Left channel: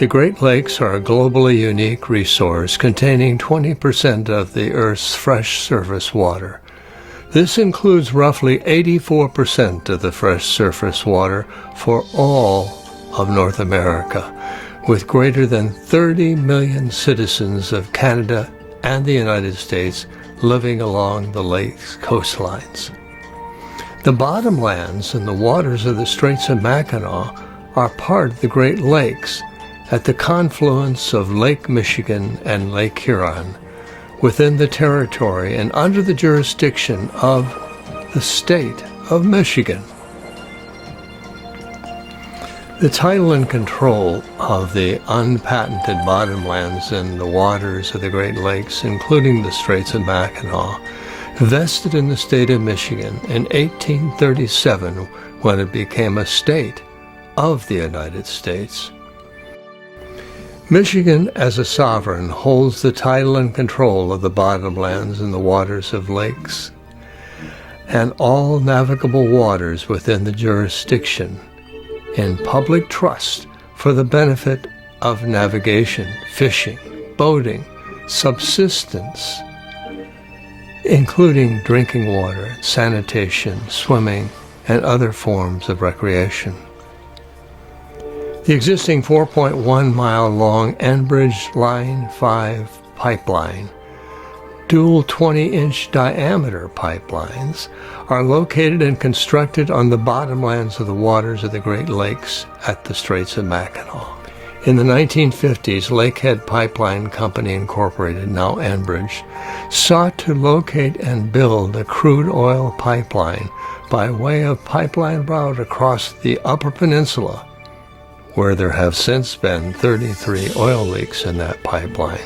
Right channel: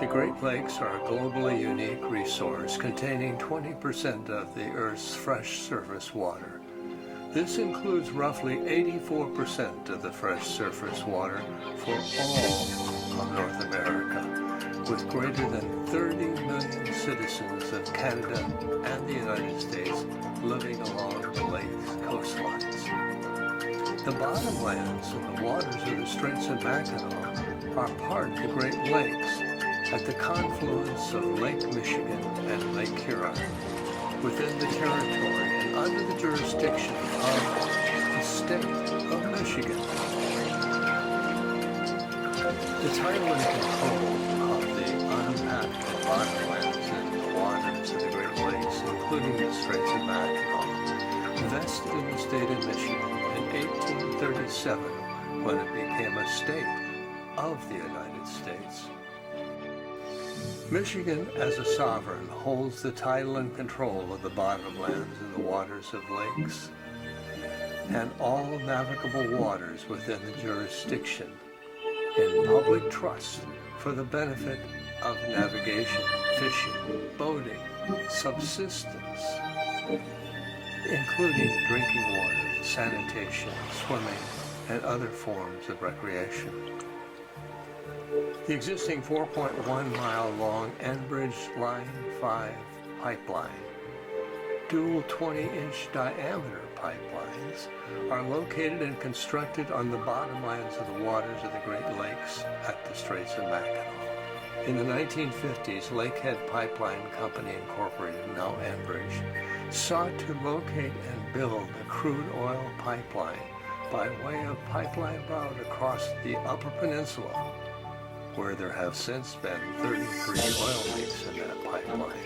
The Great Lakes are a globally unique resource containing 20% of the Earth's fresh surface water. This includes roughly 84% of the fresh surface water for all of North America, with greater than 30 million citizens of Canada and the United States living along the lake's coastlines. The bottomlands and the waters of the Straits of Mackinac are part of the Great Lakes at the confluence of Lake Michigan and Lake Huron, within the territory and under the jurisdiction of the state of Michigan. The title and control of the unpatented bottomlands and the waters of the Great Lakes, including the Straits of Mackinac, vested in the state of Michigan in 1837 when it became a state of the United States. Michigan, as a sovereign, holds the title and control of the bottomlands and the waters of lakes and all navigable waters within the jurisdiction in public trust for the benefit of navigation, fishing, boating, subsistence, including drinking water, sanitation, swimming, and other forms of recreation. The existing 4.1-mile-long Enbridge Line 5 pipeline, dual 20-inch diameter pipelines, are located and constructed on the bottomlands of the waters of the Great Lakes at the Straits of Mackinac. In the 1950s, Lakehead Pipeline Company Incorporated, now Enbridge, sought to locate and build a crude oil pipeline by way of pipeline route across the Upper Peninsula, where there have since been 33 oil leaks in that pipeline.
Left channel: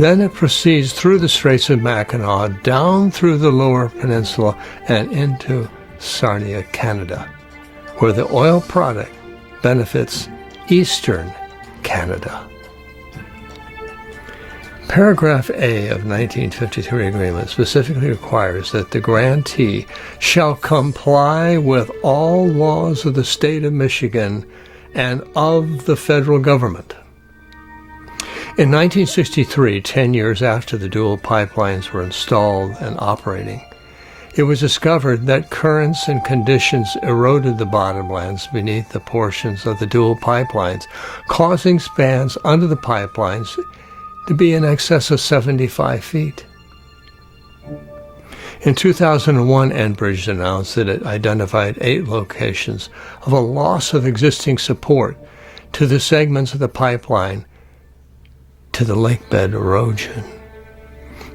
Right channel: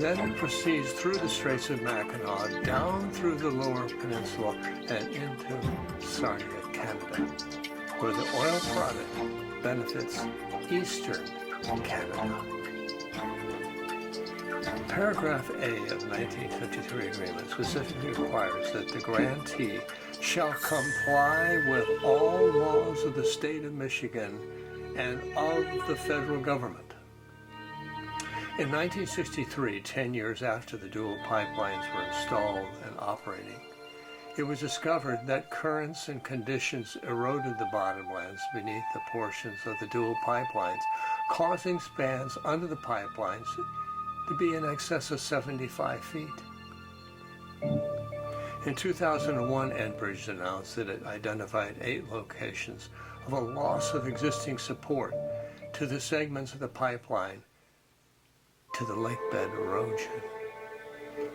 Then it proceeds through the Straits of Mackinac, down through the Lower Peninsula, and into Sarnia, Canada, where the oil product benefits Eastern Canada. Paragraph A of 1953 agreement specifically requires that the grantee shall comply with all laws of the state of Michigan and of the federal government. In 1963, 10 years after the dual pipelines were installed and operating, it was discovered that currents and conditions eroded the bottomlands beneath the portions of the dual pipelines, causing spans under the pipelines to be in excess of 75 feet. In 2001, Endbrige announced that it identified 8 locations of a loss of existing support to the segments of the pipeline to the lakebed erosion.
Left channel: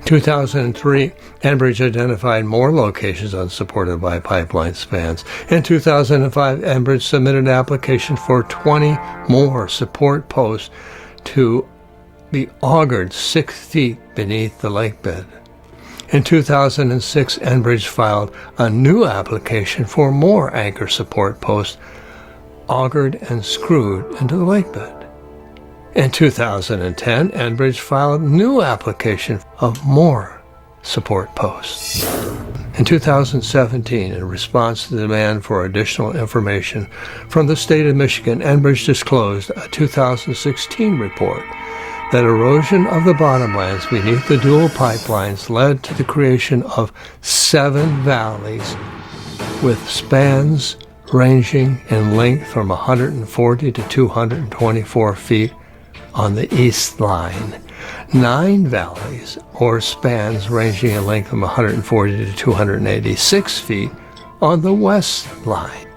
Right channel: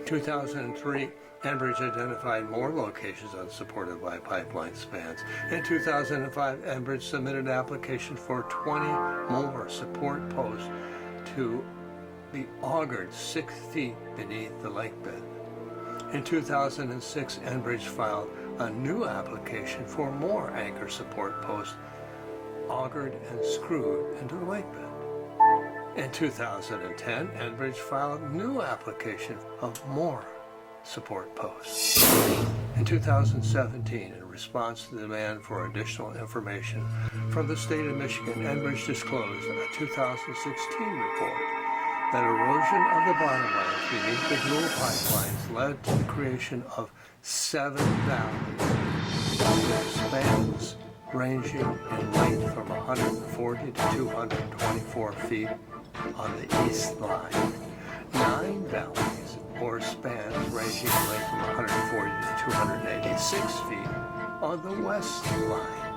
2003, Endbrige identified more locations unsupported by pipeline spans. In 2005, Enbridge submitted an application for 20 more support posts to be augured 6 feet beneath the lakebed. In 2006, Enbridge filed a new application for more anchor support posts augured and screwed into the lakebed. In 2010, Enbridge filed a new application of more support posts. In 2017, in response to the demand for additional information from the state of Michigan, Enbridge disclosed a 2016 report that erosion of the bottomlands beneath the dual pipelines led to the creation of 7 valleys with spans ranging in length from 140 to 224 feet on the east line, 9 valleys or spans ranging in length from 140 to 286 feet on the west line.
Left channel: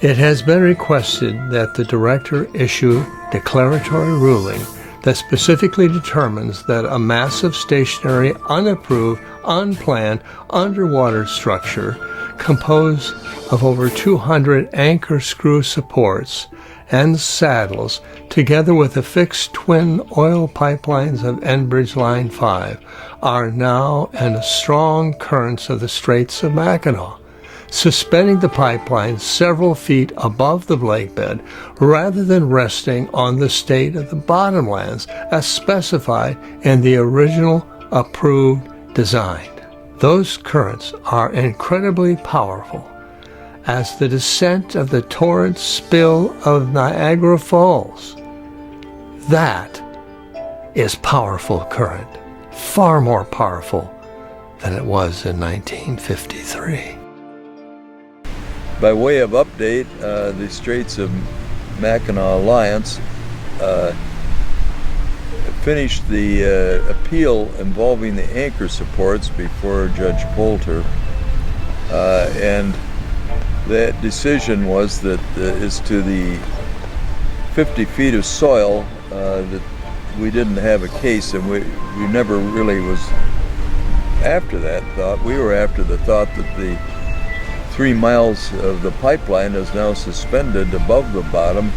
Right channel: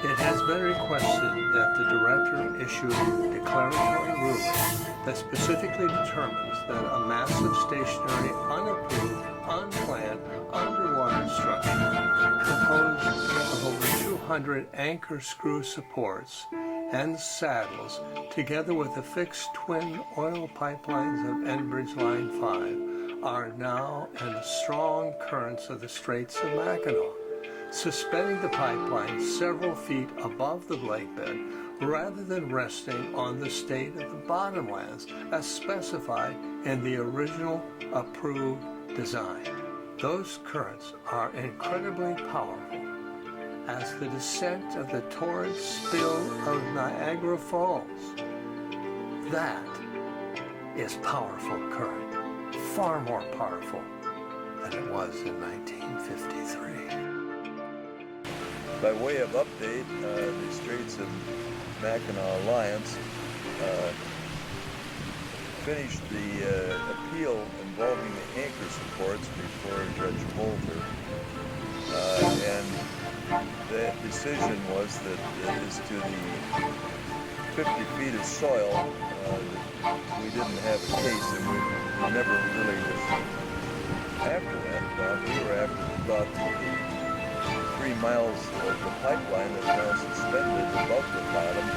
It has been requested that the director issue declaratory ruling that specifically determines that a massive, stationary, unapproved, unplanned underwater structure composed of over 200 anchor screw supports and saddles, together with the fixed twin oil pipelines of Enbridge Line 5, are now in the strong currents of the Straits of Mackinac, suspending the pipeline several feet above the lakebed rather than resting on the state of the bottomlands as specified in the original approved design. Those currents are incredibly powerful as the descent of the torrent spill of Niagara Falls. That is powerful current, far more powerful than it was in 1953. By way of update, the Straits of Mackinac Alliance finished the appeal involving the anchor supports before Judge Poulter, and that decision was that as to the 50 feet of soil, that we didn't have a case, and we never really was after that thought. We were after the thought that the 3 miles of the pipeline is now suspended above the bottom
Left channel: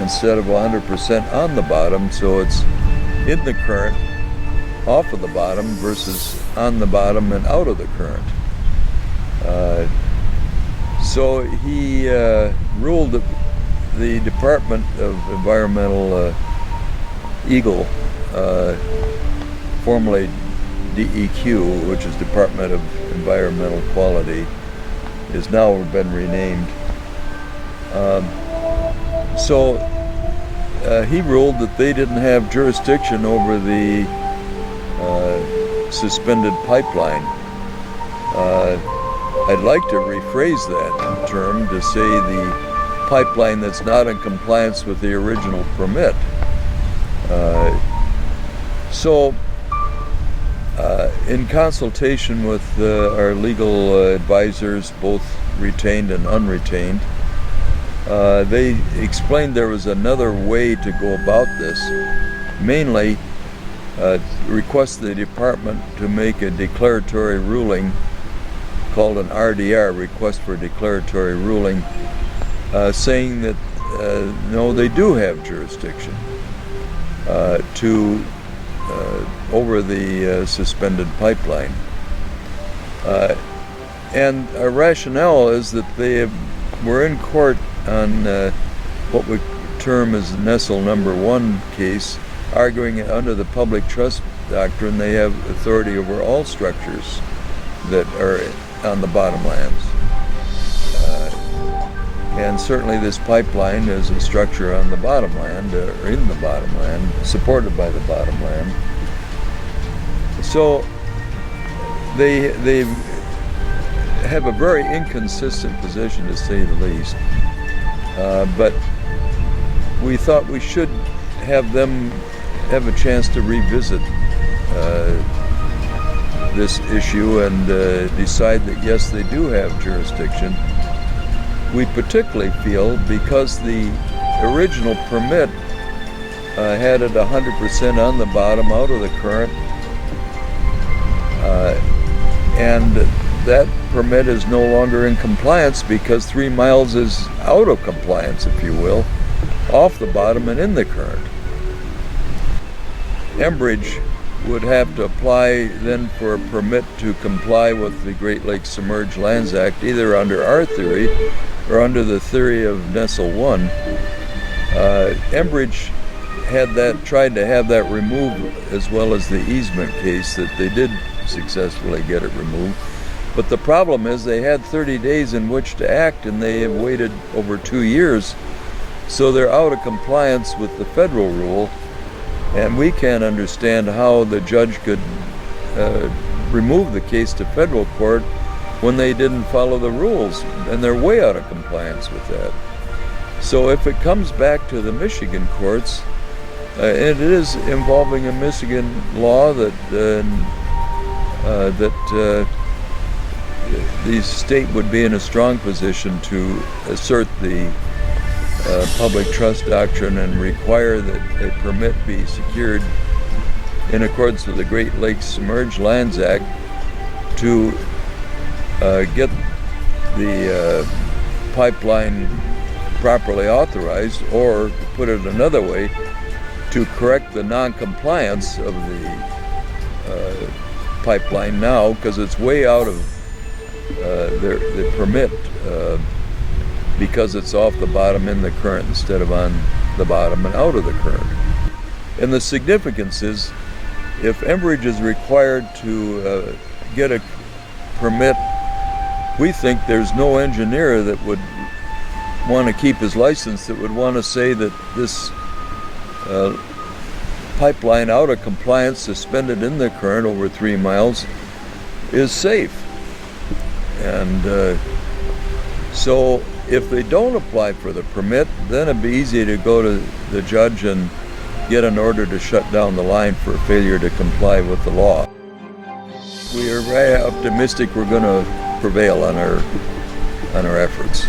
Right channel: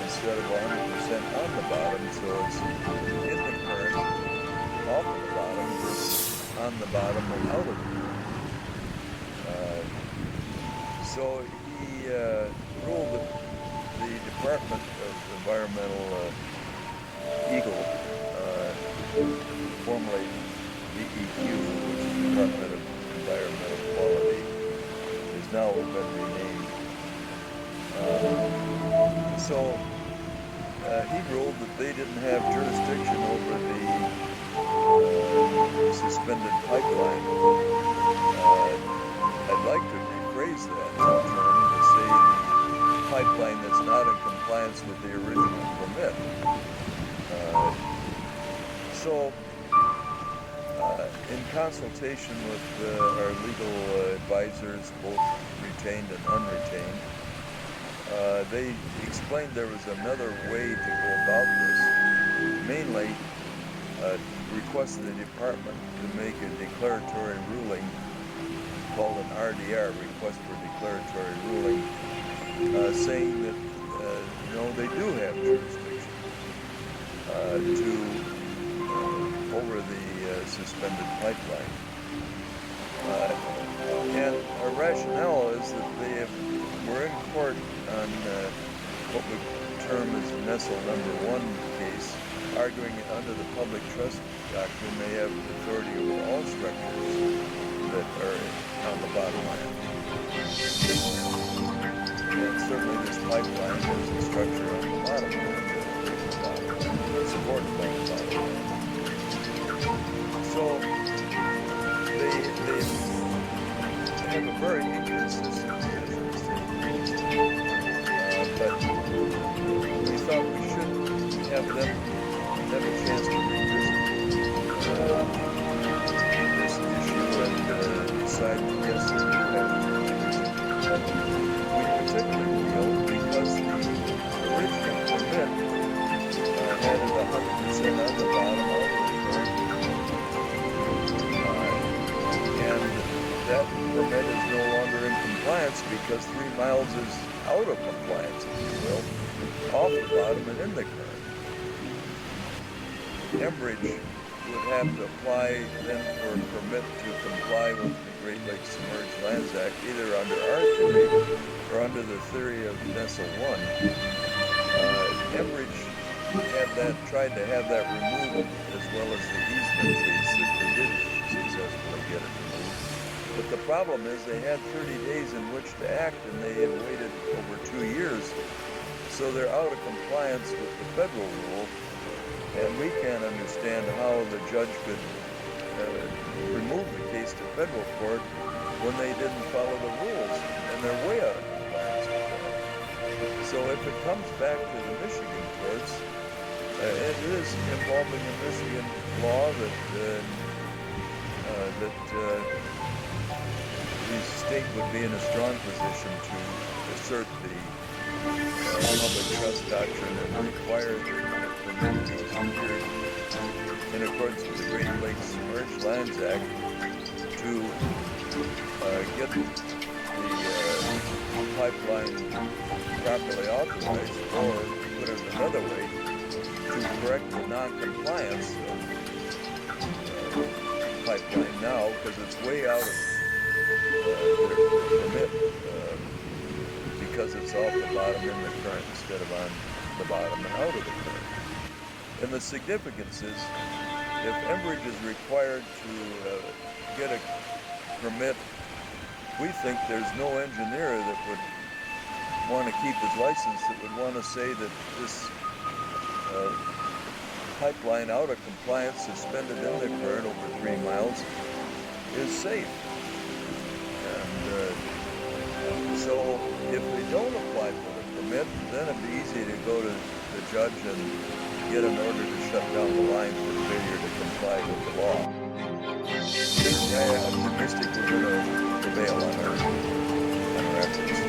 instead of 100% on the bottom, so it's in the current off of the bottom versus on the bottom and out of the current. So he ruled that the Department of Environmental EGLE, formerly DEQ, which is Department of Environmental Quality, has now been renamed. He ruled that they didn't have jurisdiction over the suspended pipeline. I'd like to rephrase that term to say the pipeline that's not in compliance with the original permit. In consultation with our legal advisors, both retained and unretained, they explained there was another way to go about this, mainly request the department to make a declaratory ruling called an RDR, request for declaratory ruling, saying that no, they do have jurisdiction over the suspended pipeline. And our rationale is that they were in court on what we term as Nestle number 1 case, arguing under the public trust doctrine they have authority over all structures that are on the bottomlands. And certainly this pipeline is a structure on the bottomland, or in the bottomland, supported by the bottomland. So they have a very inconsistent position, to say the least. But we thought we should have them have a chance to revisit this issue and decide that yes, they do have jurisdiction. We particularly feel because the original permit had it 100% on the bottom, out of the current, and that permit is no longer in compliance because 3 miles is out of compliance, if you will, off the bottom and in the current. Endbrige would have to apply then for a permit to comply with the Great Lakes Submerged Lands Act, either under our theory or under the theory of Nestle 1. Enbridge tried to have that removed, as well as the easement case that they did successfully get it removed. But the problem is they had 30 days in which to act, and they have waited over 2 years. So they're out of compliance with the federal rule, and we can't understand how the judge could remove the case to federal court when they didn't follow the rules, and they're way out of compliance with that. So if it comes back to the Michigan courts, and it is involving a Michigan law that the state would be in a strong position to assert the public trust doctrine and require that a permit be secured in accordance with the Great Lakes Submerged Lands Act to get the pipeline properly authorized, or put it another way, to correct the non-compliance of the pipeline now, because it's way out of the permit because it's off the bottom in the current instead of on the bottom and out of the current. And the significance is, if Enbridge is required to get a permit we think there's no engineer that would want to keep his license that would want to say that this pipeline out of compliance, suspended in the current over 3 miles, is safe. And so if they don't apply for the permit, then it'd be easy to go to the judge and get an order to shut down the line for failure to comply with the law. We're very optimistic we're going to prevail on our efforts.